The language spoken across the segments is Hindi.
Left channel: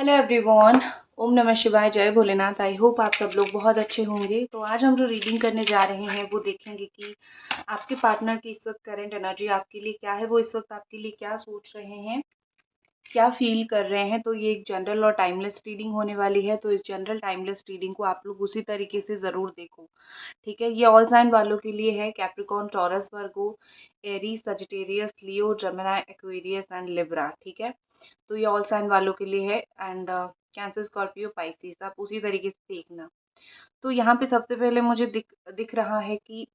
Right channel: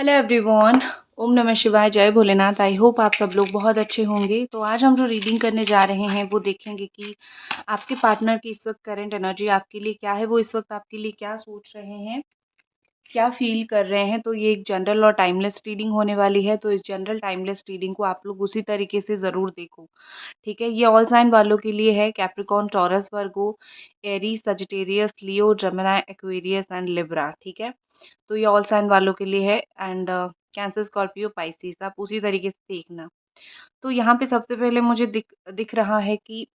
Hello everyone. ओम नमः शिवाय, जय भोलेनाथ। आई होप आप सब लोग बहुत अच्छे होंगे। तो आज हम जो रीडिंग करने जा रहे हैं वो देखेंगे कि आपके पार्टनर की इस वक्त करंट एनर्जी आपके लिए क्या है, वो इस वक्त आपके लिए क्या सोच रहे हैं, क्या फील कर रहे हैं। तो ये एक जनरल और टाइमलेस रीडिंग होने वाली है। तो इस जनरल टाइमलेस रीडिंग को आप लोग उसी तरीके से ज़रूर देखो, ठीक है। ये ऑल साइन वालों के लिए है, Capricorn, taurus, Virgo, Aries, Sagittarius, Leo, Gemini, Aquarius and Libra, ठीक है। तो ये ऑल साइन वालों के लिए है। एंड कैंसर, स्कॉर्पियो, पाइसिस, आप उसी तरीके से देखना। तो यहाँ पे सबसे पहले मुझे दिख दिख रहा है कि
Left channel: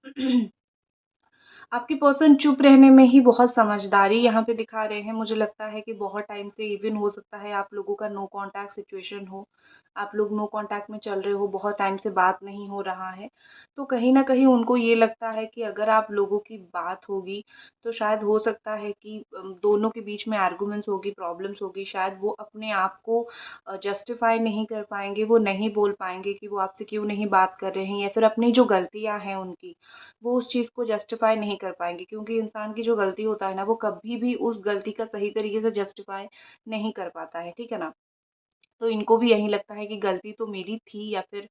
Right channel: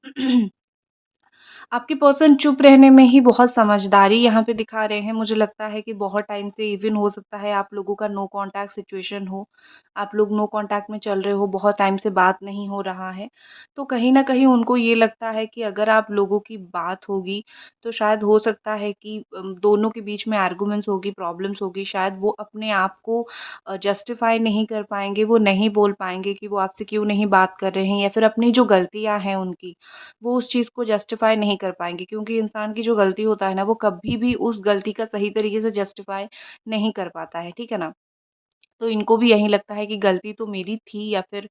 आपके पर्सन चुप रहने में ही बहुत समझदारी यहाँ पे दिखा रहे हैं। मुझे लगता है कि बहुत टाइम से, इवन हो सकता है आप लोगों का नो कांटेक्ट सिचुएशन हो, आप लोग नो कांटेक्ट में चल रहे हो, बहुत टाइम से बात नहीं हो रहा है। तो कहीं ना कहीं उनको ये लगता है कि अगर आप लोगों की बात होगी तो शायद हो सकता है कि दोनों के बीच में आर्गुमेंट्स होगी, प्रॉब्लम्स होगी। शायद वो अपने आप को जस्टिफाई नहीं कर पाएंगे, वो नहीं बोल पाएंगे कि वो आपसे क्यों नहीं बात कर रहे हैं, या फिर अपनी जो गलतियां हैं उनकी, वो उस चीज़ को जस्टिफाई नहीं कर पाएँगे। क्योंकि इंसान की जो गलती होता है ना, वो कभी भी उस गलती का सही तरीके से जस्टिफाई नहीं कर पाता है, ठीक है ना? तो इनको भी यही लगता है कि गलती तो मेरी थी, या फिर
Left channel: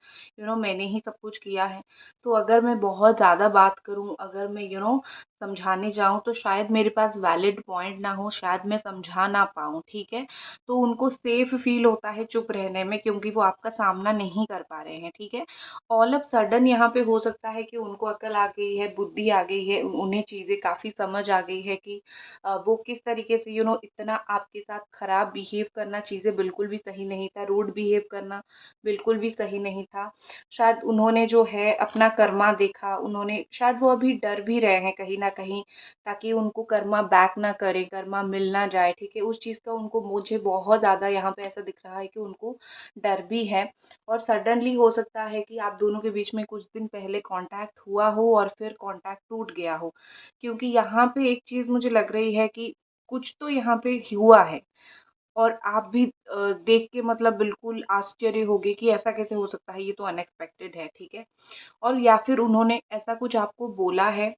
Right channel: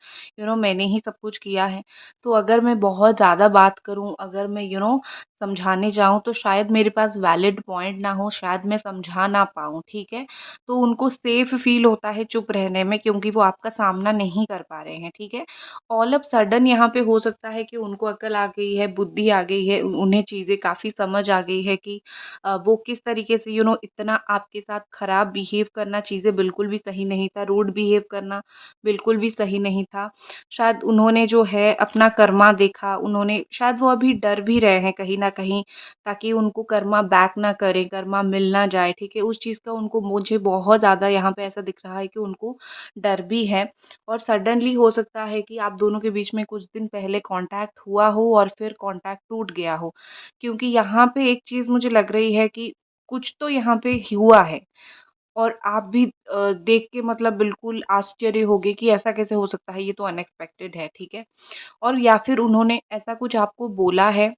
मैंने ही सब कुछ किया है। तो अगर मैं बहुत ज़्यादा बात करूँ, अगर मैं समझाने जाऊँ, तो शायद मेरे पास वैलिड पॉइंट ना हो, शायद मैं समझा ना पाऊँ, ठीक है। तो उनको सेफ फील होता है चुप रहने में, क्योंकि वो आपका सामना नहीं कर पा रहे हैं, ठीक है। ऑल ऑफ सडन यहाँ पे हो सकता है कि उनको अकल आ गई है, बुद्धि आ गई है, उन्हें चीज़ें काफ़ी समझ आ गई है कि वो किस तरीके से इतना आपके साथ खराब बिहेव करना, चीज़ें बिल्कुल भी सही नहीं था, रूड बिहेव करना बिल्कुल भी सही नहीं था। शायद उन्होंने जो है अपना कर्मा देखा, उन्होंने शायद वो अभी डर भी रहे हैं कहीं न कहीं, ताकि उनको कर्मा बैक ना करे, कर्मा मिल ना जाए, ठीक है। उस चीज़ का उनको, मुझे बहुत ज़्यादा यहाँ पे ऐसा दिख रहा है कि उनको डर भी है। और सडनली हो सकता है कि आप दोनों के बीच में कुछ दिन पहले कॉन्टैक्ट हुआ हो और फिर कॉन्टैक्ट टूट गया हो। क्योंकि यहाँ पे एक चीज़ मुझे लग रही है कि कुछ तो यहाँ पे हुआ है, और आप भी देख के मतलब बिल्कुल आश्चर्य होगे कि ऐसा कैसे हो सकता है, ये तो अनएक्सपेक्टेड है, ठीक है। और या फिर उन्होंने ऐसा कुछ आपको बोला है,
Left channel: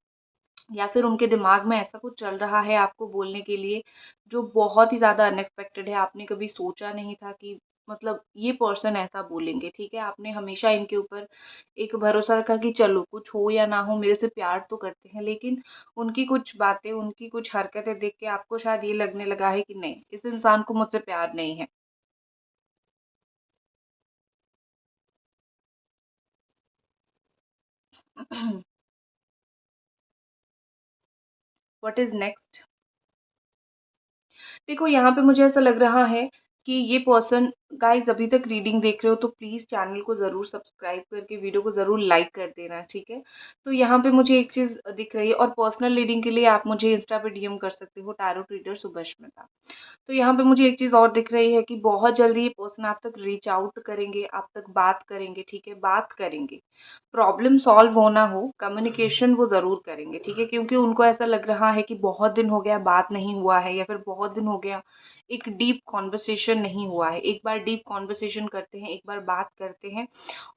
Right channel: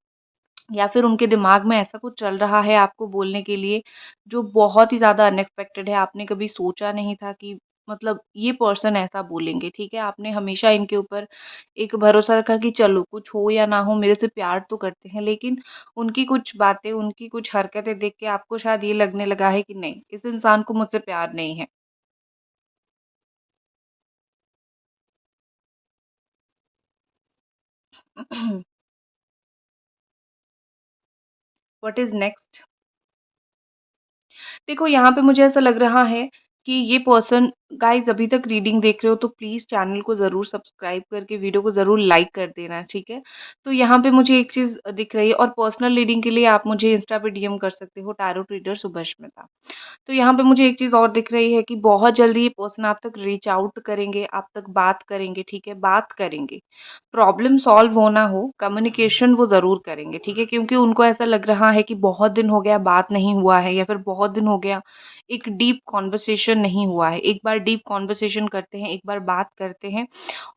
या फिर उनके दिमाग में ऐसा कुछ चल रहा है आपको बोलने के लिए, जो बहुत ही ज़्यादा अनएक्सपेक्टेड है। आपने कभी सोचा नहीं था कि मतलब ये पर्सन ऐसा बोलेंगे, ठीक है। आपने हमेशा इनके ऊपर एक भरोसा रखा कि चलो कुछ हो या ना हो, मेरे से प्यार तो करते हैं। लेकिन उनकी कुछ बातें, उनकी कुछ हरकतें देख के आपको शायद ये लगने लगा है कि नहीं, इस इंसान को मुझसे प्यार नहीं है। What is next? देखो, यहाँ पे मुझे ऐसा लग रहा है कि ये पर्सन, गाइस अभी तक रीडिंग देख रहे हो तो प्लीज़ चैनल को ज़रूर सब्सक्राइब करके वीडियो को ज़रूर लाइक कर देना, ठीक है। तो यहाँ पे मुझे एक चीज़ दिख रही है, और पर्सनल रीडिंग के लिए आप मुझे इंस्टा पे डीएम कर सकते हो, टैरो रीडर सुभश्मिता। तो यहाँ पे मुझे एक चीज़ और दिख रही है कि बहुत जल्दी ये पर्सन आप तक रीच आउट करेंगे, आप तक बात करेंगे, ठीक है, बात करेंगे। प्रॉब्लम सॉल्व हो ना हो, कम्युनिकेशन वो ज़रूर करेंगे, ठीक है, क्योंकि उनको ऐसा लग रहा है कि बहुत दिन हो गया बात नहीं हुआ है, या फिर बहुत दिन हो गया एक डीप कॉन्वर्सेशन नहीं हुआ है। एक बार डीप कॉन्वर्सेशन करते हैं, एक बार बात करते हैं,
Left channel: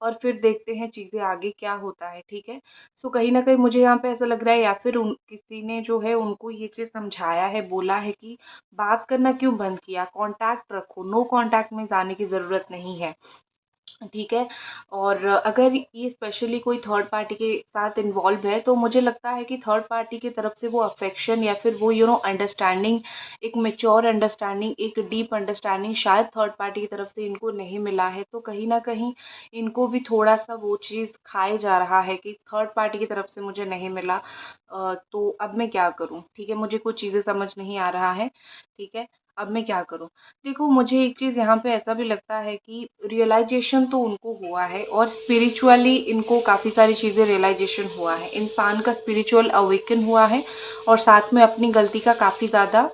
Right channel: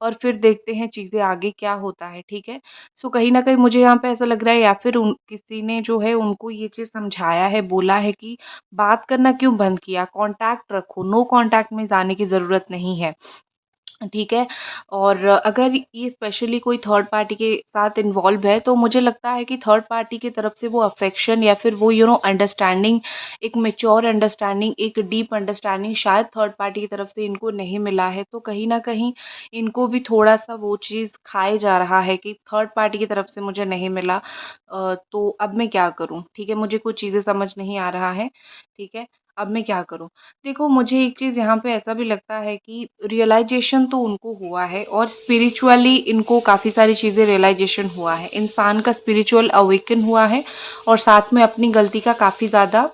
और फिर देखते हैं चीज़ें आगे क्या होता है, ठीक है। सो कहीं न कहीं मुझे यहाँ पे ऐसा लग रहा है, या फिर उन किसी ने जो है उनको ये चीज़ समझाया है, बोला है कि बात करना क्यों बंद किया, कॉन्टैक्ट रखो, नो कॉन्टैक्ट में जाने की ज़रूरत नहीं है, ठीक है। और अगर ये स्पेशली कोई थर्ड पार्टी के साथ इन्वॉल्व है, तो मुझे लगता है कि थर्ड पार्टी की तरफ से वो अफेक्शन, या फिर वो अंडरस्टैंडिंग, एक मैच्योर अंडरस्टैंडिंग, एक डीप अंडरस्टैंडिंग शायद थर्ड पार्टी की तरफ से इनको नहीं मिला है। तो कहीं न कहीं इनको भी थोड़ा-सा वो चीज़ खाए जा रहा है कि थर्ड पार्टी की तरफ से मुझे नहीं मिला, तो अब मैं क्या करूँ? ठीक है, मुझे कुछ चीज़ें समझ नहीं आ रहा है, ठीक है, अब मैं क्या करूँ? देखो, मुझे एक चीज़ यहाँ पे ऐसा भी लगता है कि रियलाइज़ेशन तो उनको हुआ है, और स्पिरिचुअली इनको काफ़ी सारी चीज़ें रियलाइज़ेशन हुआ है। इंसान का स्पिरिचुअल अवेकन हुआ है, और साथ में अपनी गलती का काफ़ी ज़्यादा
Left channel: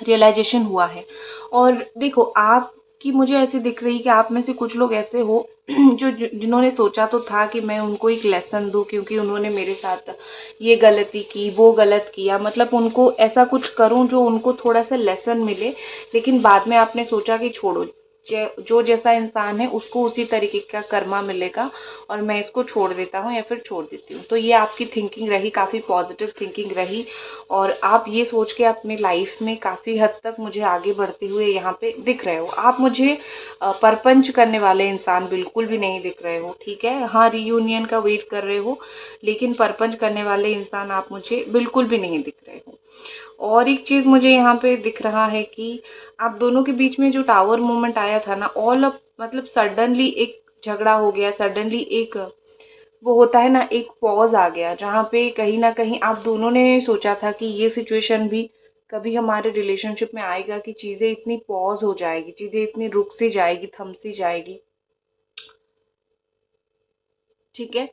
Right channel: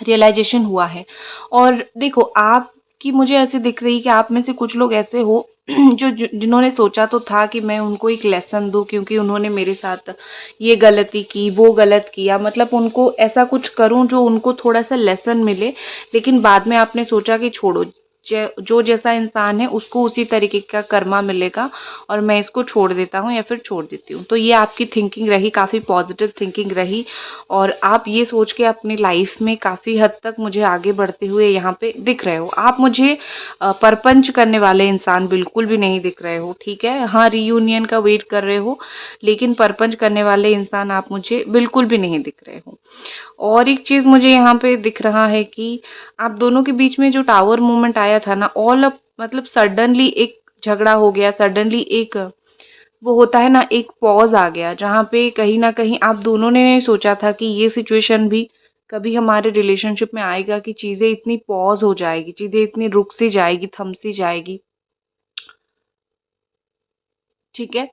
रियलाइज़ेशन हुआ है। और देखो, आपकी मुझे ऐसी दिख रही कि आप में से कुछ लोग ऐसे हो जो जिन्होंने सोचा तो था कि मैं उनको एक लेसन दूँ, क्योंकि उन्होंने मेरे साथ ये गलती की, वो गलत किया, मतलब उनको ऐसा कुछ करूँ जो उनको थोड़ा-सा लेसन मिले। लेकिन बाद में आपने सोचा कि छोड़ो, जो जैसा इंसान है उसको उसी तरीके का कर्मा मिलेगा और मैं इसको छोड़ देता हूँ या फिर छोड़ देती हूँ। तो ये आपकी थिंकिंग रही, काफ़ी पॉजिटिव थिंकिंग रही और आप ये सोच के अपनी लाइफ में काफ़ी हद तक मुझे आगे बढ़ते हुए यहाँ पे दिख रहे हो। आप मुझे परपंच करने वाले इंसान बिल्कुल भी नहीं दिख रहे हो, ठीक है? हाँ, रियूनियन का वेट कर रहे हो, लेकिन परपंच करने वाले इंसान आप मुझे बिल्कुल भी नहीं दिख रहे हो। और एक चीज़ मुझे यहाँ पे दिख रहा है कि आप दोनों के बीच में जो टावर मूवमेंट आया था ना, ऑल अप मतलब सडनली एक झगड़ा हो गया, सडनली एक वो होता है ना, एक पॉज़ आ गया, जहाँ पे कहीं न कहीं आप दोनों ने सोचा था कि ये सिचुएशन भी कभी हमारे रिलेशनशिप में आएगा कि चीज़ें इतनी पॉज़ हो जाएगी, चीज़ें इतनी रुक सी जाएगी, थम सी जाएगी, ठीक है?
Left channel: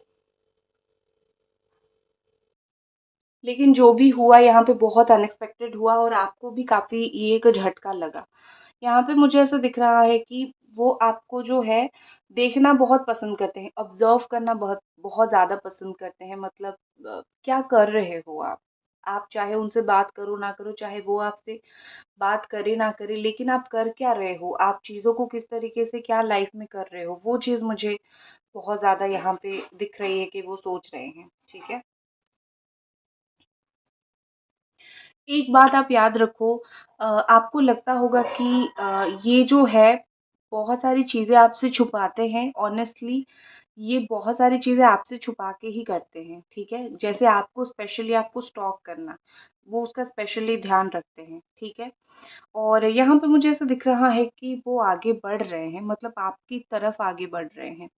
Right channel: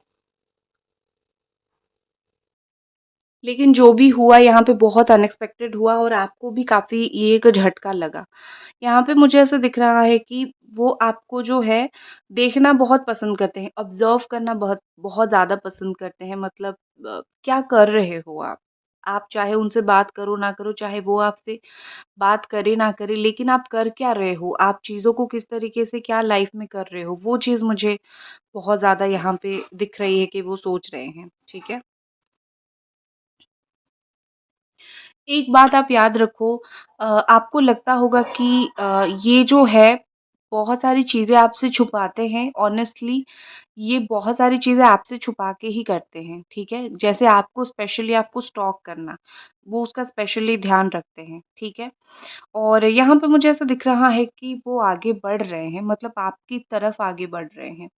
लेकिन जो भी हुआ यहाँ पे बहुत अनएक्सपेक्टेड हुआ और आपको भी काफ़ी ये एक झटका लगा। यहाँ पे मुझे ऐसा दिख रहा है कि वो आपको जो है देखना बहुत पसंद करते हैं, ऑब्ज़र्व करना बहुत बहुत ज़्यादा पसंद करते हैं मतलब क्या कर रहे हो आप? आप चाहे उनसे बात करो ना करो, चाहे वो आपसे बात करे ना करे, लेकिन आप कर क्या रहे हो? आप चीज़ों को किस तरीके से क्या लाइफ़ में कर रहे हो? वो चीज़ मुझे बहुत ज़्यादा यहाँ पे दिख रही है कि वो सोच रहे हैं, ठीक है? एक बात आप याद रखो आपको लगता होगा कि ये जो है बहुत सारी चीज़ें आपसे छुपाते हैं ऑनेस्टली ये बहुत सारी चीज़ें आपसे छुपा के ही करते हैं, ठीक है? जैसे आपको स्पेशली आपको स्टॉक करना, वो उसका स्पेशली ध्यान रखते हैं, ठीक है? और यहाँ पे मुझे ऐसा दिख रहा है कि वो आगे बढ़ रहे हैं मतलब आपकी तरफ आगे बढ़ रहे हैं।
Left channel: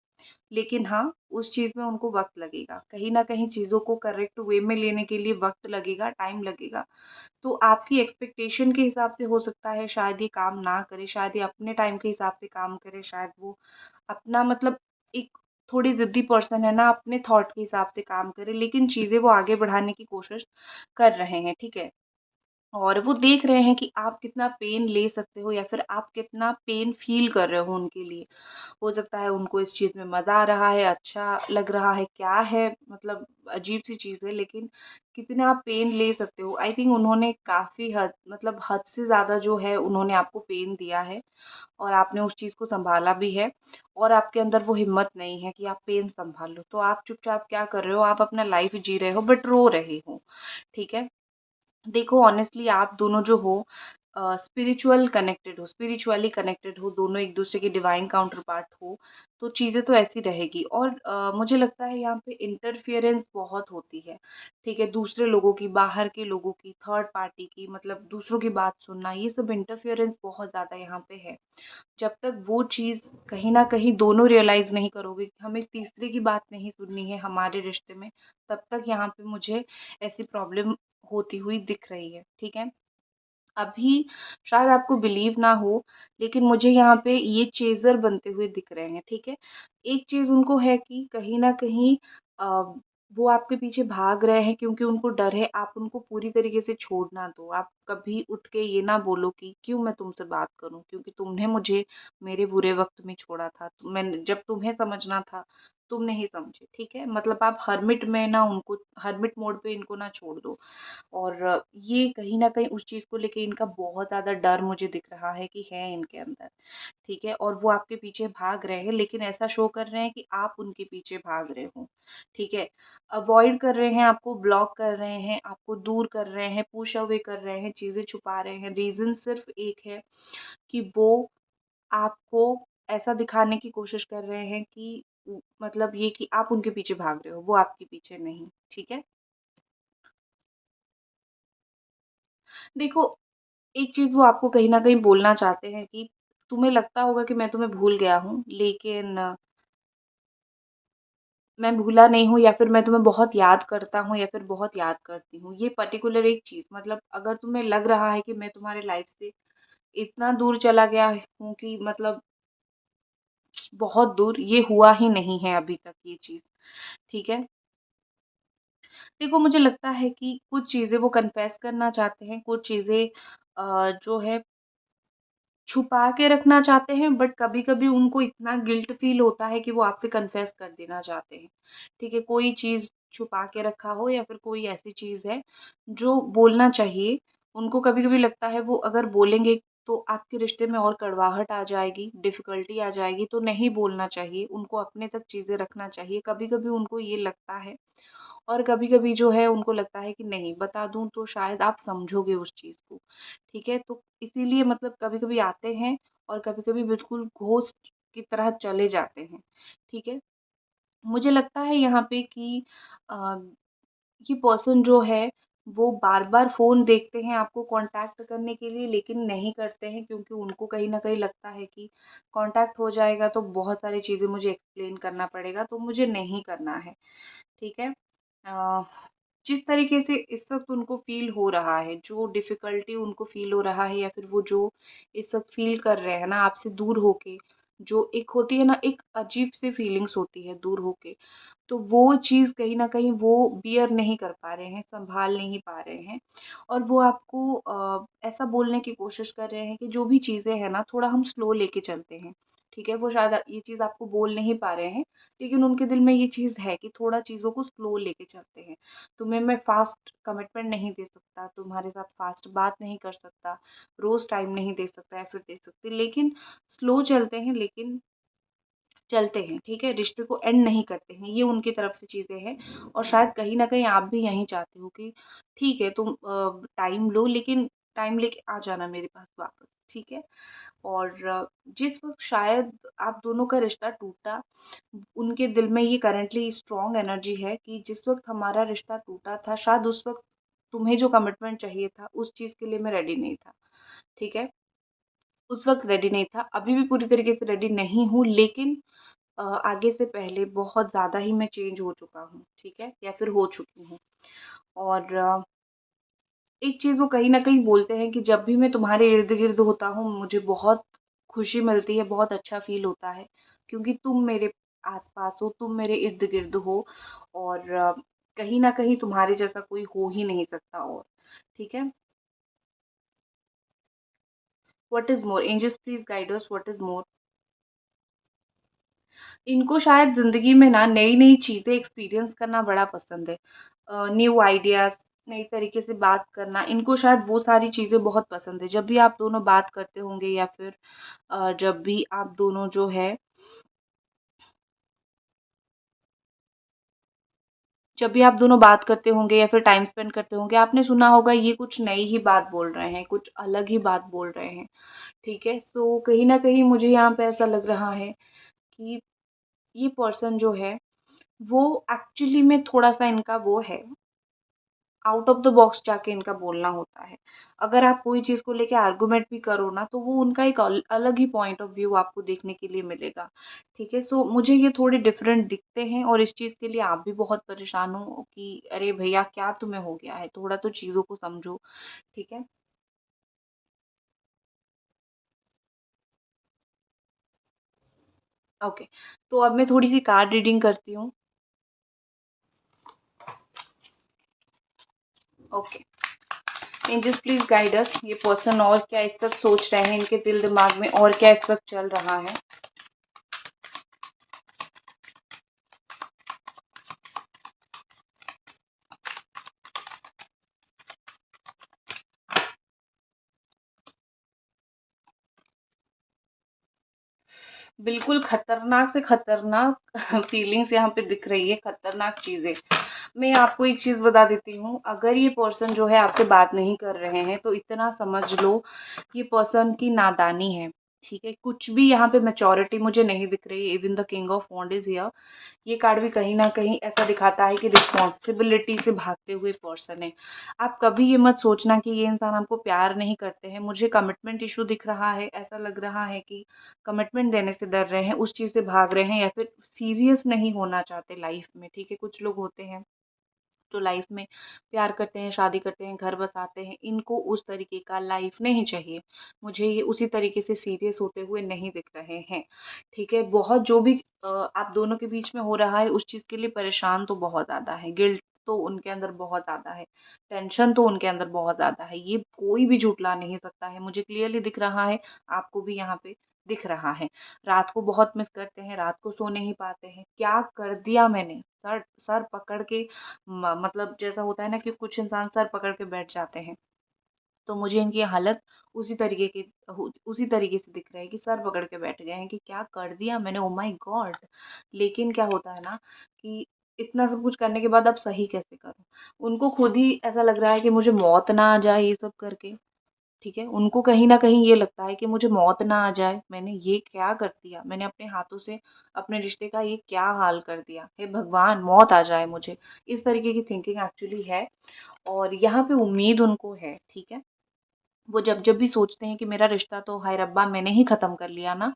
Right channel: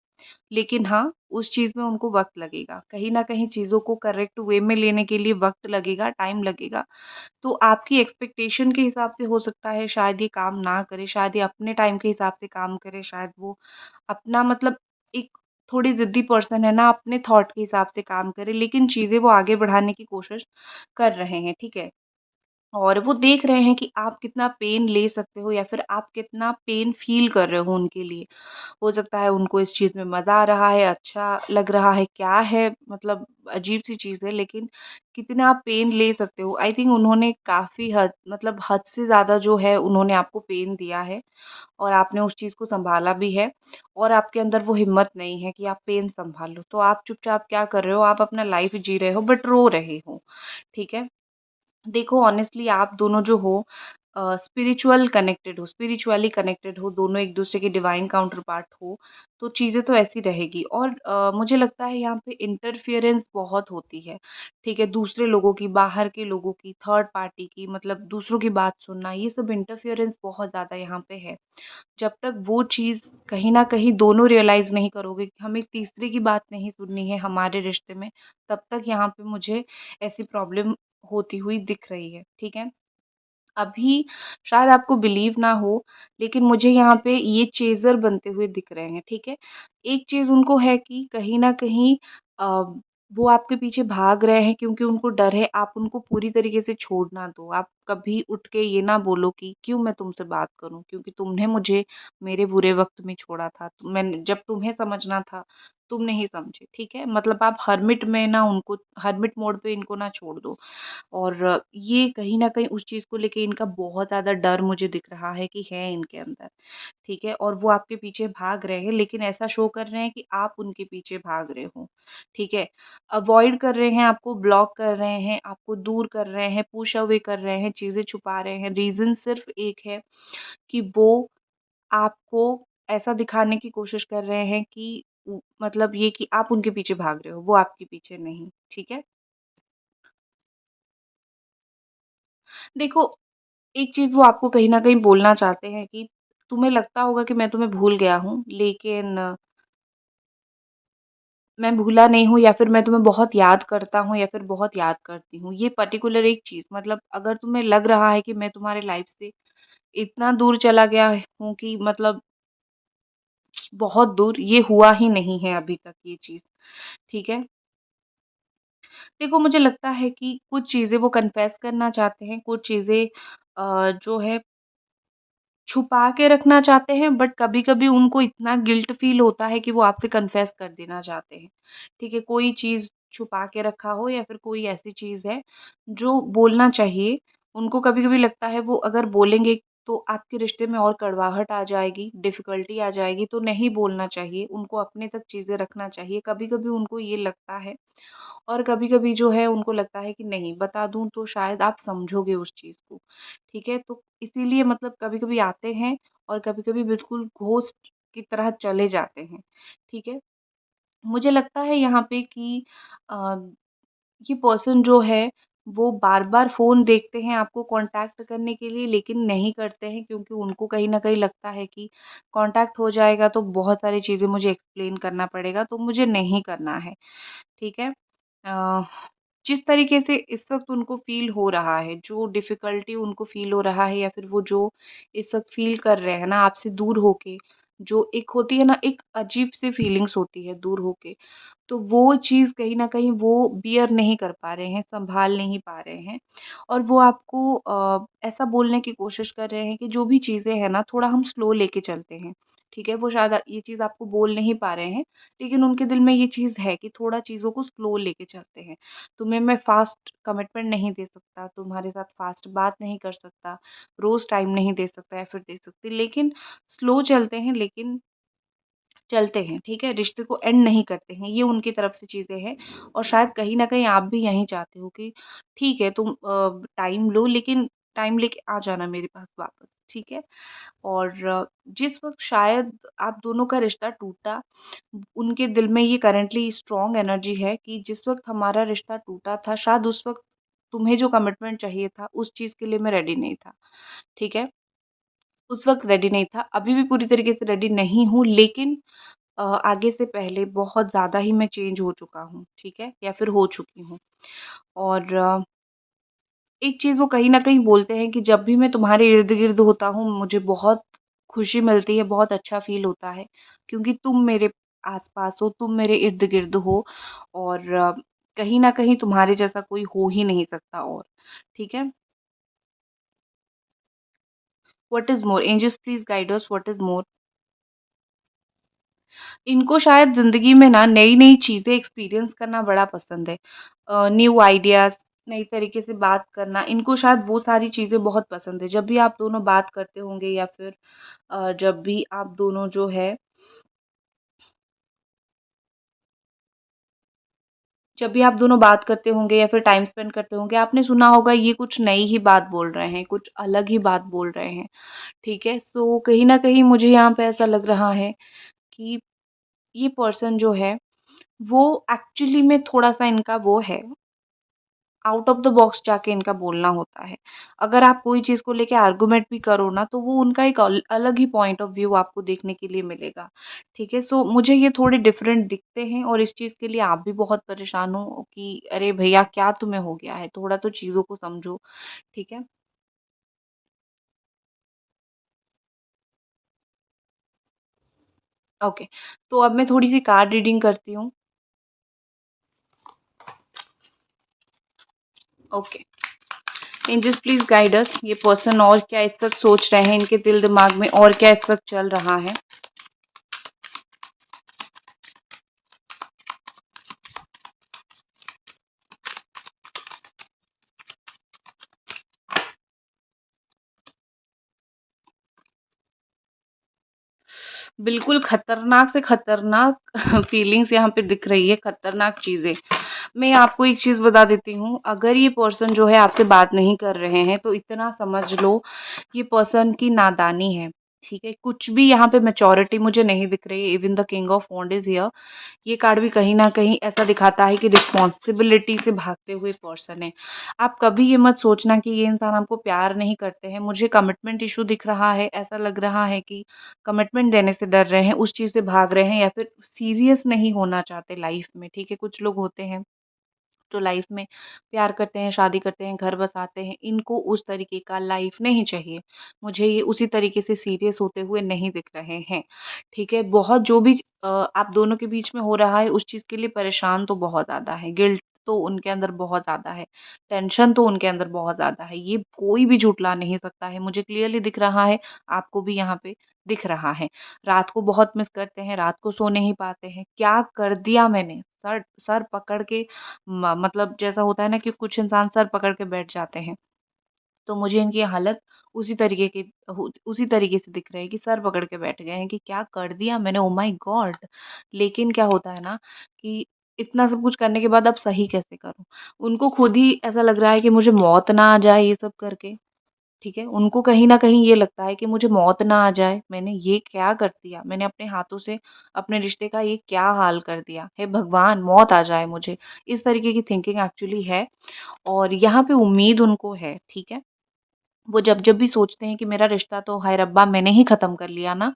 लेकिन हाँ, उस चीज़ में उनको वक़्त लगेगा। कहीं न कहीं चीज़ों को करेक्ट वे में लेने के लिए वक़्त लगेगा, टाइम लगेगा। तो आपकी एक्सपेक्टेशन के हिसाब से हो सकता है शायद ये काम ना करे, शायद ये अपने टाइम के हिसाब से काम करे, शायद वो अपना मतलब एक थोड़ी ज़िद्दी पर्सन है ना, अपने थॉट के हिसाब से काम करे, लेकिन चीज़ें वो आगे बढ़ाने की कोशिश कर रहे हैं, ठीक है? और वो देख रहे हैं कि आप कितना पेन ले सकते हो या फिर आप कितना पेन फ़ील कर रहे हो उनके लिए। हो सकता है उनको इस चीज़ में मज़ा आ रहा है, अच्छा लग रहा है, क्या है मतलब अजीब-सी चीज़ है लेकिन कितना आप पेन ले सकते हो। आई थिंक उन्होंने काफ़ी हद मतलब हद से ज़्यादा जो है उन्होंने आपको पेन दिया है और आपने उस चीज़ को सँभाला भी है और आपके अंदर वो हिम्मत नहीं है कि आप पेन सँभाल लो। तो आप चुपचाप क्या कर रहे हो, आप अपना लाइफ़ जी रहे हो बट रो रहे हो, ठीक है? देखो ऑनेस्टली आप दोनों जो हो स्पिरिचुअली कनेक्टेड हो, दोनों एक-दूसरे के डिवाइन काउंटर पार्ट हो, तो चीज़ें तो ऐसी रहेगी और मुझे लगता है यहाँ पे इंटरफियरेंस बहुत होती है, ठीक है? दूसरे लोगों की, बाहर के लोगों की, थर्ड पार्टी की मतलब दूसरों की बात सुनना, ये सब इंटरफियरेंस बहुत ज़्यादा यहाँ पे है। जब तक वो चीज़ कहीं न कहीं दोनों रियलाइज़ नहीं करोगे कि हमें तीसरे की बात नहीं सुननी है हमारे रिश्ते में, तब तक यहाँ पे मुझे ऐसी प्रॉब्लम होती हुई दिख रही है, ठीक है? अभी शायद आपको बिलीव ना हो, लेकिन मुझे यहाँ पे ये चेज़र बनते हुए दिख रहे हैं, ठीक है? एक चीज़ उनको है कि कहीं न कहीं अ, वो आपके पीछे भाग रहे हैं क्योंकि उनको डर है आप उनको पूरी तरीके से छोड़ ना दो। आप कभी उठ के ये ना बोलो कि क्यों मैं तुमसे बात करूँ? क्योंकि तुमने मुझे मेरे बुरे वक़्त में छोड़ा था। तो मैंने जब तुम्हें समझना था, तुम नहीं समझे, ठीक है? मतलब आप हर्मिट मोड पे इनको ना छोड़ दो। और ये कहीं न कहीं उस चीज़ को लेके इनका बहुत ज़्यादा डर मुझे दिख रहा है कि है इनके अंदर, ठीक है? और वो आपके पीछे भाग रहे हैं लेकिन ऐसा शो कर रहे हैं कि आप उनके पीछे भाग रहे हो, ठीक है? अवॉइड कर रहे हैं, आपको ब्लॉक कर रहे हैं, आपको दूर कर रहे हैं, पुश अवे कर रहे हैं, चीज़ें छुपा रहे हैं। रीज़न सिर्फ़ एक है कि वो आपको ऐसा दिखाने की कोशिश कर रहे हैं कि मतलब ये कि आप उनके पीछे भाग रहे हो, वो आपके पीछे नहीं, ठीक है? देखो एक चीज़ वो आपको कहीं न कहीं बोलना चाहते हैं कि तुम्हें लगता होगा कि मैं तुम्हें भूल गया हूँ, लेकिन मैं भूला नहीं हूँ या फिर मैं तुम्हें बहुत याद करता हूँ या फिर बहुत याद करती हूँ। ये पर्टिकुलर एक चीज़ मतलब अगर तुम्हें लग रहा है कि मैं तुम्हारे लाइफ़ से इतना दूर चला गया हूँ कि मतलब बहुत दूर, ये हुआ ही नहीं है अभी तक ये चीज़, ठीक है? देखो मुझे लगता है कि कुछ चीज़ें वो कन्फेस करना चाहते हैं, कुछ चीज़ें जो है छुपा के रखना चाहते हैं बट कभी-कभी उनको इतना गिल्ट फ़ील होता है कि वो आपसे कन्फेस कर देना चाहते हैं। ठीक है? कोई चीज़ छुपा के रखा हो या फिर कोई ऐसी चीज़ है जो बोलना चाहिए, उनको कभी-कभी लगता है वो अगर बोलेंगे तो आपके रिश्ते में और कड़वाहट आ जाएगी, डिफ़िकल्टी आ जाएगी, तो नहीं बोलना चाहिए, उनको अपने तक चीज़ें रखना चाहिए। कभी-कभी उनको ये लगता है और कभी-कभी जो है उनको लगता है कि नहीं बता दूँ तो शायद आप समझोगे उस चीज़ को, ठीक है? तो इसीलिए मतलब कभी-कभी आते हैं और कभी-कभी बिल्कुल घोस्ट की तरह चले जाते हैं, ठीक है? मुझे लगता है यहाँ पे कि अ, ये पर्सन जो है वो बार-बार फ़ोन देखते हैं आपको कॉन्टैक्ट करने के लिए लेकिन नहीं करते हैं क्योंकि उनको कहीं न कहीं लगता है कि कॉन्टैक्ट हो जाएगा तो बहुत सारी चीज़ें मुझे एक्सप्लेन करना पड़ेगा तो मुझे नहीं करना है, ठीक है? अ, जिस तरीके से इस वक़्त उनको फ़ील हो रहा है, जो डिफ़िकल्टी उनको फ़ील हो रहा है या फिर वो जो इस वक़्त फ़ील कर रहे हैं ना आपसे दूर होके, जो एक होती है ना एक अजीब-सी फ़ीलिंग्स होती है दूर होके, तो वो चीज़ कहीं न कहीं वो बियर नहीं कर पा रहे हैं, सँभाल नहीं पा रहे हैं और वो आपको ऐसा बोलने की कोशिश कर रहे हैं कि जो भी चीज़ें हैं ना थोड़ा हम स्लो लेके चलते हैं, ठीक है? वो शायद ये चीज़ आपको बोल नहीं पा रहे हैं, लेकिन उनके दिल में ये चीज़ है कि थोड़ा चीज़ों को स्लो लेके चलते हैं। तुम्हें मैं फ़ास्ट कमिटमेंट नहीं दे सकता, तुम्हारे साथ फ़ास्ट बात नहीं कर सकता, रोज़ टाइम नहीं दे सकता या फिर दे सकती, लेकिन स्लो चलते हैं लेकिन चलते हैं, ठीक है? रिश्ते को एंड नहीं करते हैं, ये उनकी तरफ से चीज़ें हैं और शायद कहीं न कहीं आप भी यही चाहते हो कि ठीक है तुम टाइम लो लेकिन टाइम लेके आ जाना मेरे पास वापस, ठीक है? और जिस वक़्त शायद आप दोनों का रिश्ता टूटा, उनके दिल में ये करंटली स्ट्रॉन्ग एनर्जी है कि जिस वक़्त हमारा रिश्ता टूटा था, शायद उस वक़्त तुम्हें जो कमिटमेंट चाहिए था, उस चीज़ के लिए मैं रेडी नहीं था, ठीक है? उस वक़्त रेडी नहीं था, अभी भी पूरी तरीके से रेडी नहीं हूँ लेकिन आगे से पहले बहुत ज़्यादा ही मैं चेंज हो चुका हूँ, ठीक है? या फिर हो चुकी हूँ और एक चीज़ वो कहीं न कहीं बोलते हैं कि जब भी मैं तुम्हारे इर्द-गिर्द होता हूँ, मुझे बहुत खुशी मिलती है, बहुत अच्छा फ़ील होता है, क्योंकि तुम मेरे आस-पास हो, तुम मेरे इर्द-गिर्द हो और कहीं न कहीं तुम्हारे जैसा कोई हो ही नहीं सकता और, ठीक है? What is more? Angels please guide us what is more? इनको शायद ज़िंदगी में ना नई-नई चीज़ें एक्सपीरियंस करना बड़ा पसंद है। न्यू आइडियाज़, नई तरीके से बात करना, इनको शायद वो सारी चीज़ें बहुत पसंद है। जब भी आप दोनों बात करते होंगे या फिर जब भी आप दोनों जो है जब भी आप दोनों बात करते होंगे या फिर टाइम स्पेंड करते होंगे, आपने सुना होगा ये कुछ नई ही बात बोल रहे हैं, कुछ अलग ही बात बोल रहे हैं, ठीक है? सो कहीं न कहीं मुझे यहाँ पे ऐसा लग रहा है कि ये पर्सन जो है, वो एक्चुअली में थोड़ा-सा इनका वो है आउट ऑफ द बॉक्स जाके इनका बोलना होता है। अगर आप कोई चीज़ को लेके आर्गुमेंट भी करो ना, तो वो उनका एक अलग ही पॉइंट ऑफ व्यू आपको देखने के लिए मिलेगा, ठीक है? सो मुझे ये थोड़े डिफरेंट दिखते हैं और इस चीज़ के लिए आप भी बहुत परेशान हो कि अरे भैया क्या तुम्हें हो गया है? थोड़ा तो चीज़ों को समझो, ठीक है? ओके, तो अब मैं थोड़ी-सी कार्ड रीडिंग करती हूँ। Okay, angels please guide us ये पर्सन और क्या इस वक़्त सोच रहे हैं, इनके दिल-दिमाग में और क्या इस वक़्त चल रहा है? बिल्कुल खतरनाक से खतरनाक फीलिंग्स यहाँ पे दिख रही है, खतरनाक चीज़ें। मैं आपको एक चीज़ बता देती हूँ, अगर ये पर्सन जो है आपसे बात नहीं कर रहे हैं, तो इतना समझ लो ये पर्सन की नादानी है, ठीक है? कुछ भी यहाँ पे मैच्योरिटी मुझे नहीं दिख रही है, even the king of wand is here. ये कार्ड भी कहीं न कहीं ऐसा दिखाता है कि रिस्पॉन्सिबिलिटी से भागते हुए पर्सन है। आप कभी ये मत सोचना कि ये इंसान हमको प्यार नहीं करते हैं, मुझे कमिटमेंट इश्यू दिख रहा है, ऐसा लग रहा है कि कमिटमेंट देने से डर रहे हैं, उस चीज़ से भाग रहे हैं या फिर सीरियस नहीं होना चाहते लाइफ़ में, ठीक है? कुछ लोग होते हैं जो लाइफ में प्यार करते हैं, शादी करते हैं, घर बसाते हैं, इनको उस तरीके का लाइफ नहीं चाहिए। मुझे ये उसी तरीके से सीरियस होते हुए नहीं दिख रहे हैं, ठीक है? बहुत जो भी आप दोनों के बीच में हो रहा है, उस चीज़ के लिए परेशान तो बहुत ज़्यादा है, गिल्ट तो उनके अंदर बहुत ज़्यादा है, टेंशन तो उनके अंदर बहुत ज़्यादा है, ये कोई भी झुठला नहीं सकता है, मुझे क्लियरली दिख रहा है, आपको भी यहाँ पे दिख रहा है। रात को बहुत मिस करते हैं, रात को सो नहीं पाते हैं, क्या कर दिया मैंने? सर सर पकड़ के मतलब जैसा होता है ना कि कुछ इंसान सर पकड़ के बैठ जाते हैं, तो मुझे इनकी हालत उसी तरीके से दिख रही है कि सर पकड़ के बैठ गए हैं कि क्या कर दिया मैंने, ओह माय गॉड! लेकिन क्या होता है ना कि इतना सब कुछ करने के बाद अब सही कैसे करूँ? उनको खुद ही ऐसा लग रहा है कि मुझे मौत ना आ जाए ये सब करके, ठीक है? उनको कहीं न कहीं ये लगता है कि मुझे मौत ना आ जाए, मैंने ये क्या कर दिया? मैंने अपने हाथों से अपने रिश्ते का ये क्या हाल कर दिया? हे भगवान! मौत आ जाए मुझे। इस तरीके की थिंकिंग एक्चुअली है और यहाँ पे उम्मीद उनको है, ठीक है? वो जब-जब भी सोचते हैं कि मेरा रिश्ता तो हाय रब्बा मैंने ही ख़त्म कर लिया ना,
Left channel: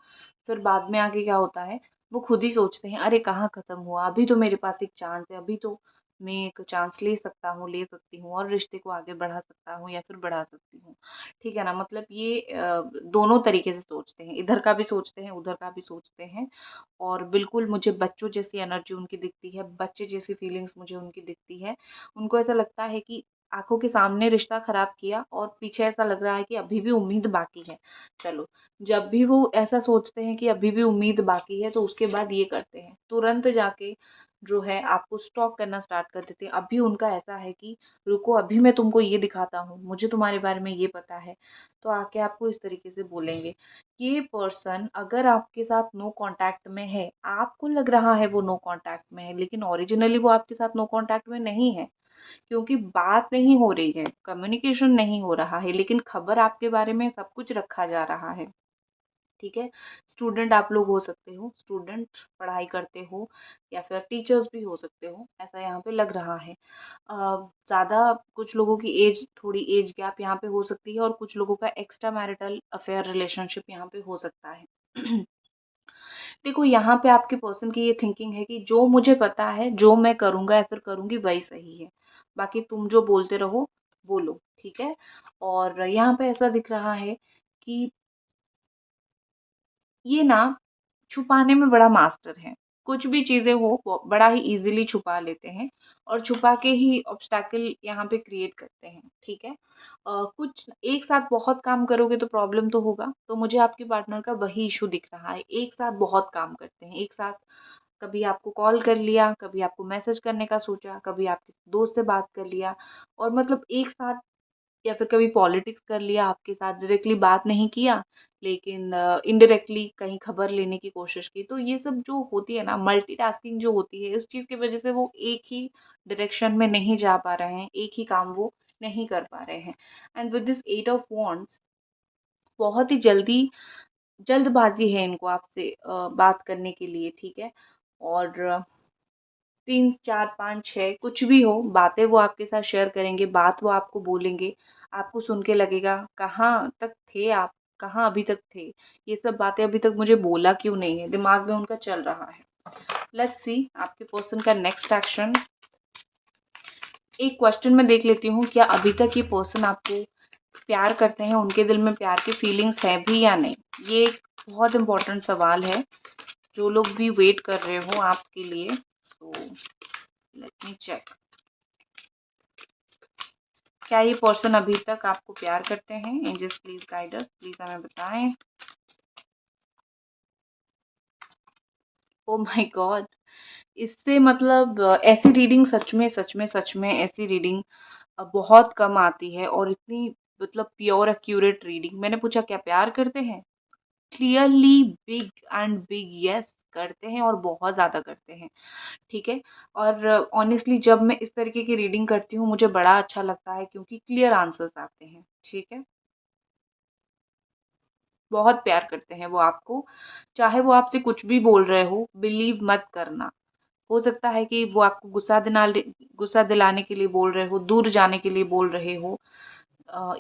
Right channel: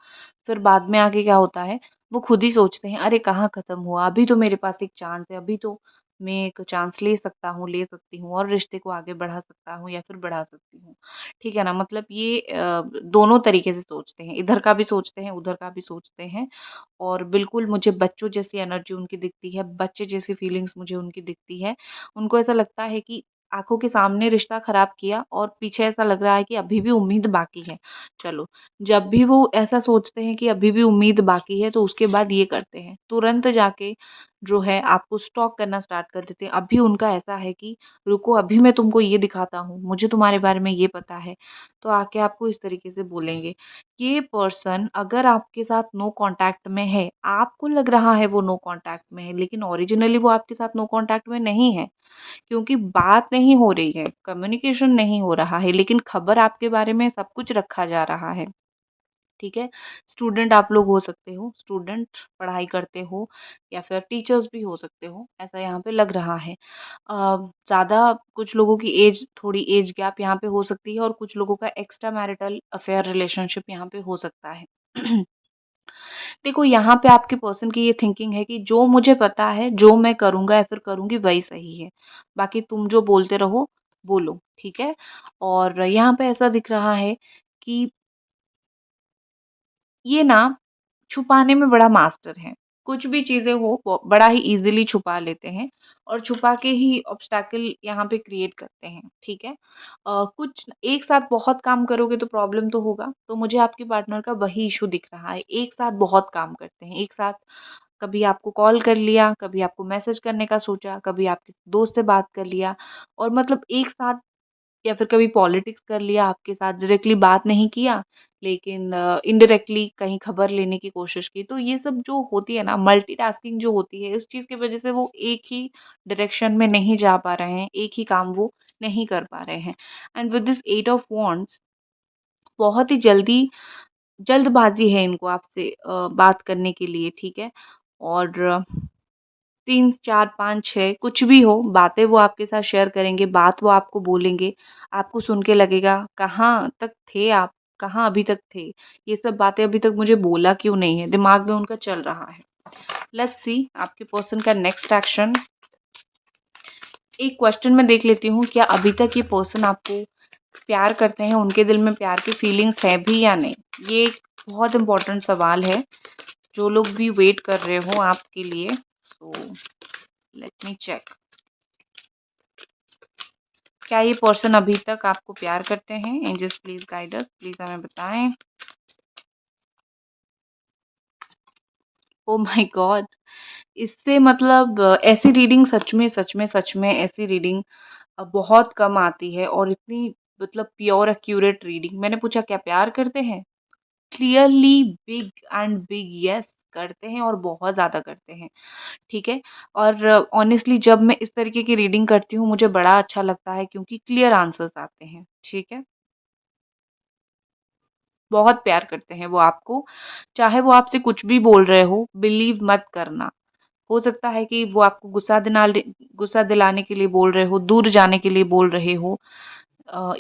फिर बाद में आके क्या होता है, वो खुद ही सोचते हैं अरे कहाँ ख़त्म हुआ, अभी तो मेरे पास एक चांस है, अभी तो मैं एक चांस ले सकता हूँ, ले सकती हूँ और रिश्ते को आगे बढ़ा सकता हूँ या फिर बढ़ा सकती हूँ। ठीक है ना? मतलब ये दोनों तरीके से सोचते हैं, इधर का भी सोचते हैं, उधर का भी सोचते हैं और बिल्कुल मुझे बच्चों जैसी एनर्जी उनकी दिखती है, बच्चे जैसी फीलिंग्स मुझे उनकी दिखती है। उनको ऐसा लगता है कि आँखों के सामने रिश्ता ख़राब किया और पीछे ऐसा लग रहा है कि अभी भी उम्मीद बाकी है। चलो, जब भी वो ऐसा सोचते हैं कि अभी भी उम्मीद बाकी है, तो उसके बाद ये करते हैं, तुरंत जाके जो है आपको स्टॉक करना स्टार्ट कर देते हैं। अभी उनका ऐसा है कि रुको अभी मैं तुमको ये दिखाता हूँ, मुझे तुम्हारे बारे में ये पता है। तो आके आपको इस तरीके से बोलेंगे। ये पर्सन अगर आपके साथ नो कॉन्टैक्ट में है, आपको लग रहा है वो नो कॉन्टैक्ट में है, लेकिन ओरिजिनली वो आपके साथ नो कॉन्टैक्ट में नहीं है। क्योंकि बात नहीं हो रही है, कम्युनिकेशन नहीं हो रहा है, लेकिन खबर आपके बारे में सब कुछ रखा जा रहा है, ठीक है? स्टूडेंट आप लोग हो सकते हो, स्टूडेंट पढ़ाई करते हो या फिर टीचर्स भी हो सकते हो, ऐसा यहाँ पे लग रहा है। ज़्यादा कुछ लोगों की थोड़ी एज गैप यहाँ पे हो सकती है और कुछ लोगों का एक्स्ट्रा मैरिटल अफेयर रिलेशनशिप यहाँ पे हो सकता है। देखो यहाँ पे आपके पर्सन की ये थिंकिंग है कि जो मुझे पता है, जो मैं करूँगा या फिर करूँगी वही सही है। बाकी तुम जो बोलते रहो, बोलो, ठीक है? और यहाँ पे ऐसा दिख रहा है कि ये ना छुपाने में बड़ा मास्टर हैं। कुछ भी चीज़ें हो वो बड़ा ही ईज़िली छुपा लेते हैं और छुपा के ही ऑब्स्टैकल यहाँ पे क्रिएट करते हैं, ठीक है? कुछ एक साथ बहुत काम करोगे तो प्रॉब्लम तो होगा, तो मुझे आपके पार्टनर का वही इश्यू दिख रहा है। एक साथ बहुत काम करते हैं, एक साथ कभी आपको कॉल कर लिया, कभी आपको मैसेज करने का सोचा, कभी आपके दोस्त से बात कर लिया और मतलब एक साथ या फिर कभी पॉलिटिक्स कर लिया, आपके साथ डायरेक्टली बात नहीं किया, लेकिन इनडायरेक्टली कहीं खबर लेने की कोशिश की। तो ये सब जो होती है ना मल्टीटास्किंग जो होती है, इस चीज़ की वज़ह से वो एक ही डायरेक्शन में नहीं जा पा रहे हैं, एक ही काम वो नहीं कर पा रहे हैं। And with this 8 of wands बहुत ही जल्दबाज़ी है इनको आपसे बात करने के लिए, ठीक है? और 3, 4, 5, 6 कुछ भी हो, बातें वो आपके साथ शेयर करेंगे, बात वो आपको बोलेंगे, आपको सुन के लगेगा कहाँ तक थे आप, कहाँ अभी तक थे? ये सब बातें अभी तक मुझे बोला क्यों नहीं है? दिमाग में उनका चल रहा है। लेट्स सी आपके पर्सन का नेक्स्ट एक्शन। एक क्वेश्चन मैं देख लेती हूँ, क्या अभी तक ये पर्सन आपको प्यार करते हैं, उनके दिल में प्यार की फीलिंग्स है भी या नहीं? ये एक बहुत इम्पोर्टेंट सवाल है, जो लोग भी वेट कर रहे हो आपके लिए। So let me check. क्या ये पर्सन अभी तक आपको प्यार करते हैं? Angels please guide us, please हमें बताएं। Oh my god! इससे मतलब ऐसी रीडिंग सच में ऐसी रीडिंग बहुत कम आती है और इतनी मतलब प्योर एक्यूरेट रीडिंग। मैंने पूछा क्या प्यार करते हैं? Clearly big and big yes करते हैं और बहुत ज़्यादा करते हैं, ठीक है? और ऑनेस्टली जब मैं इस तरीके की रीडिंग करती हूँ मुझे बड़ा अच्छा लगता है क्योंकि क्लियर आंसर्स आते हैं, ठीक है? बहुत प्यार करते हैं वो आपको, चाहे वो आपसे कुछ भी बोल रहे हो, बिलीव मत करना। हो सकता है कि वो आपको गुस्सा दिलाने के लिए बोल रहे हो, दूर जाने के लिए बोल रहे हो,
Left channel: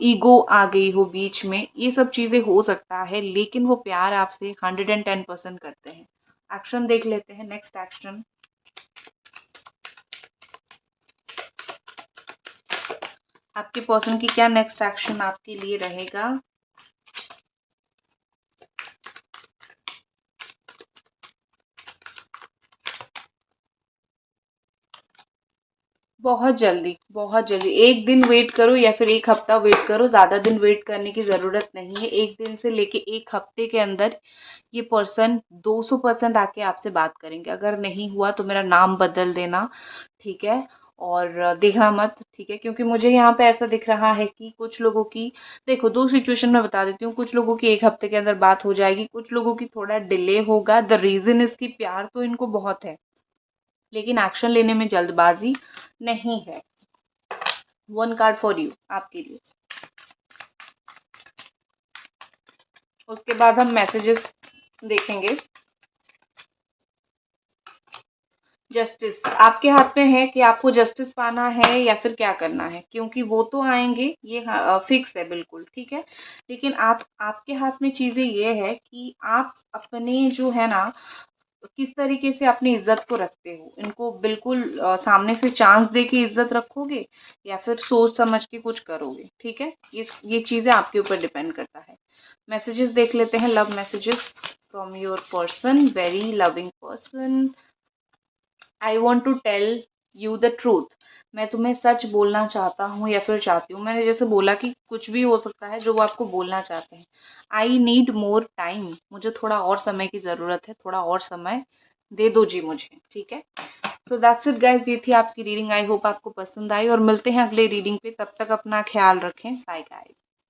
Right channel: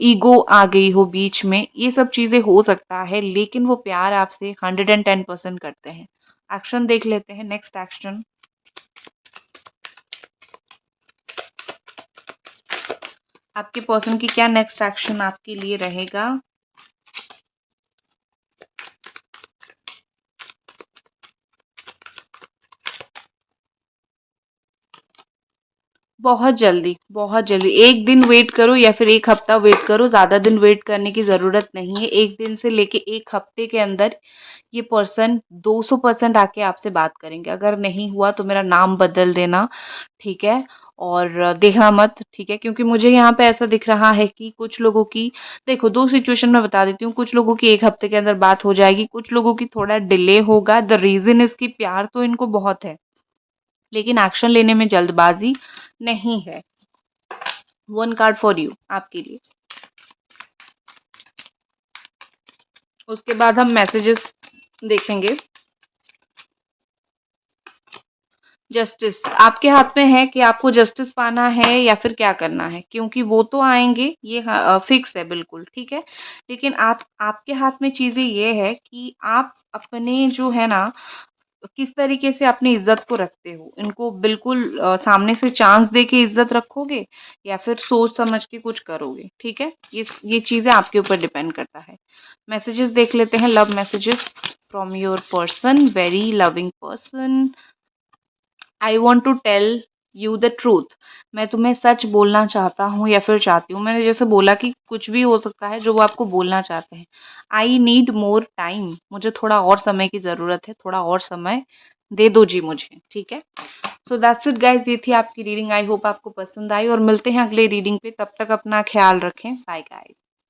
ईगो आ गई हो बीच में, ये सब चीज़ें हो सकता है, लेकिन वो प्यार आपसे 110% करते हैं। एक्शन देख लेते हैं, नेक्स्ट एक्शन। आपके पर्सन की क्या नेक्स्ट एक्शन आपके लिए रहेगा? बहुत जल्दी। 1 दिन वेट करो या फिर 1 हफ्ता वेट करो, ज़्यादा दिन वेट करने की ज़रूरत नहीं है। 1 दिन से लेके 1 हफ्ते के अंदर ये पर्सन 200% आके आपसे बात करेंगे। अगर नहीं हुआ तो मेरा नाम बदल देना, ठीक है? और देखना मत, ठीक है? क्योंकि मुझे यहाँ पे ऐसा दिख रहा है कि कुछ लोगों की, देखो 2 सिचुएशन मैं बता देती हूँ, कुछ लोगों की 1 हफ्ते के अंदर बात हो जाएगी, कुछ लोगों की थोड़ा डिले होगा। द रीज़न इज़ कि प्यार तो इनको बहुत है, लेकिन एक्शन लेने में जल्दबाज़ी नहीं है। 1 कार्ड फॉर यू, आपके लिए। उसके बाद हम मैसेजेस देखेंगे। जस्टिस आपके हाथ में है कि आपको जस्टिस पाना है या फिर क्या करना है, क्योंकि वो तो आएँगे, ये फिक्स है बिल्कुल, ठीक है? लेकिन आप, आपके हाथ में चीज़ें ये है कि आप अपने जो है ना, किस तरीके से अपनी इज़्ज़त को रखते हो। इनको बिल्कुल सामने से चांस दे के इज़्ज़त रखोगे या फिर सोच समझ के कुछ करोगे, ठीक है? ये चीज़ें आपके ऊपर डिपेंड करता है। मैसेजेस देख लेते हैं, love messages from your person, very loving person. I want to tell you the truth. मैं तुम्हें सच बोलना चाहता हूँ या फिर चाहती हूँ। मैंने जैसे बोला कि कुछ भी हो सकता है जो वो आपको बोलना चाहते हैं। आई नीड मोर टाइम, मुझे थोड़ा और समय की ज़रूरत है, थोड़ा और समय दे दो जी मुझे, ठीक है? सो दैट्स इट गाइज, ये थी आपकी रीडिंग। आई होप आपको पसंद आई और मिलते हैं अगले रीडिंग पे। तब तक अपना ख्याल रखें। Bye guys.